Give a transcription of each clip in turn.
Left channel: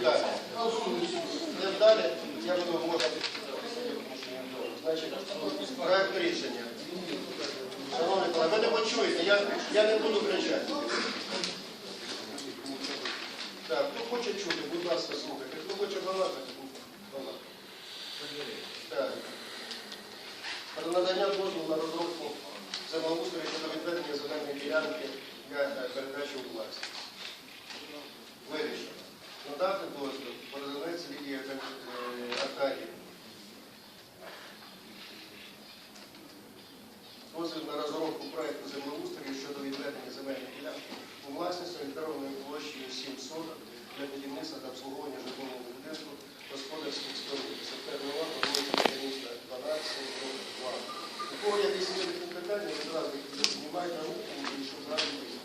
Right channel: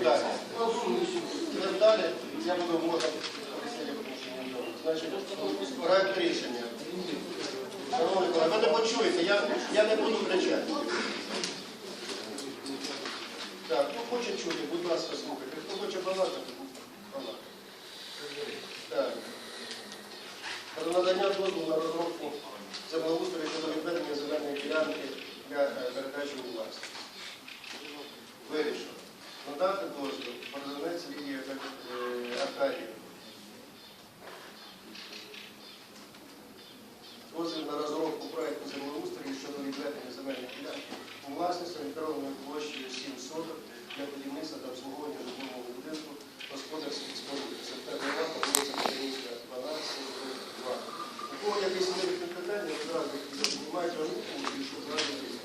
далі. Йдемо далі, я буду можна. Значить, проект рішення. Шановні колеги, ви не почуєте, я, я не буду кричати. Так, хто хоче чути, будь ласка, слухайте. Хто хоче балакати, балакати. Так. Про надання дозволу на розробку землеустрою щодо відведення земельної ділянки для е, передачі у власність. Вирішено. Надати дозвіл Бородинець Лідії е, Аркадіївні. Дозвіл на розробку проекту землеустрою щодо відведення земельної ділянки у власність орієнтованою площею 7 соток для будівництва та обслуговування житлового будинку господарських споруд. Септемброва, вулиця Українська, 12, 2. У кого якісь питання, ви зразу знімайте руку і щоб дозвіл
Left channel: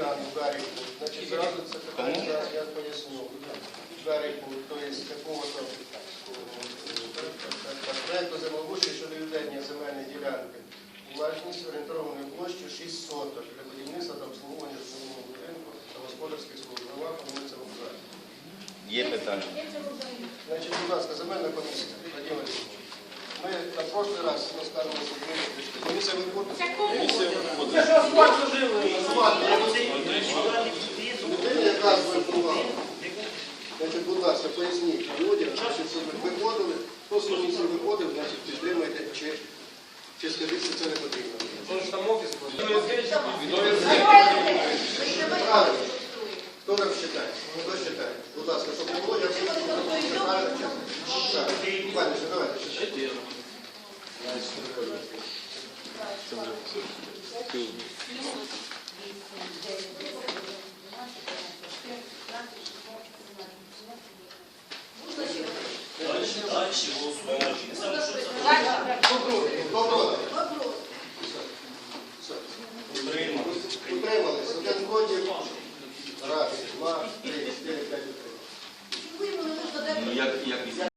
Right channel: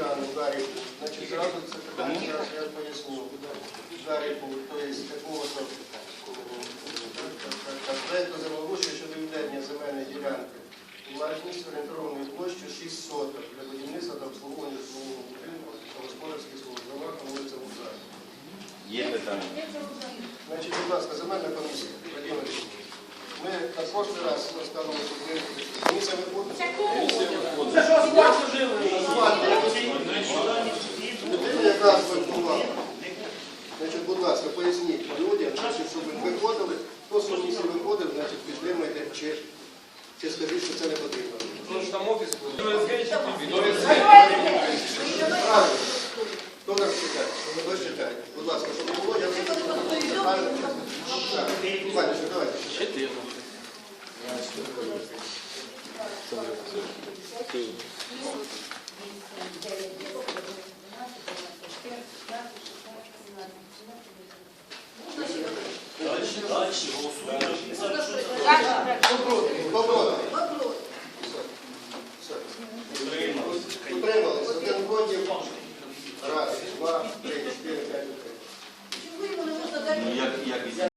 Гаріку, значить зразу це питання зараз я поясню. Гаріку, тобто такого-то проєкту землеустрою щодо відведення земельної ділянки власність орієнтованою площею 6 соток для будівництва та обслуговування житлового будинку та господарських споруд громад по вулиці. Є питання. Значить, будь ласка, земельна комісія, Вадим Олексійович. Ми на прошлий раз розказували, що ми комісія виходить. Це ж асфальт жили. Будь ласка, поясніть людям, значить, щоб ви виходили, з комісії виходив, значить, підтримуйте, чи, чи скажіть, що це не потрібно. Там офіс Хто нам читає? Хто читає? Будь ласка, щоб не було, я Ваня, давайте. Дальше, Хто проти? Хто проти?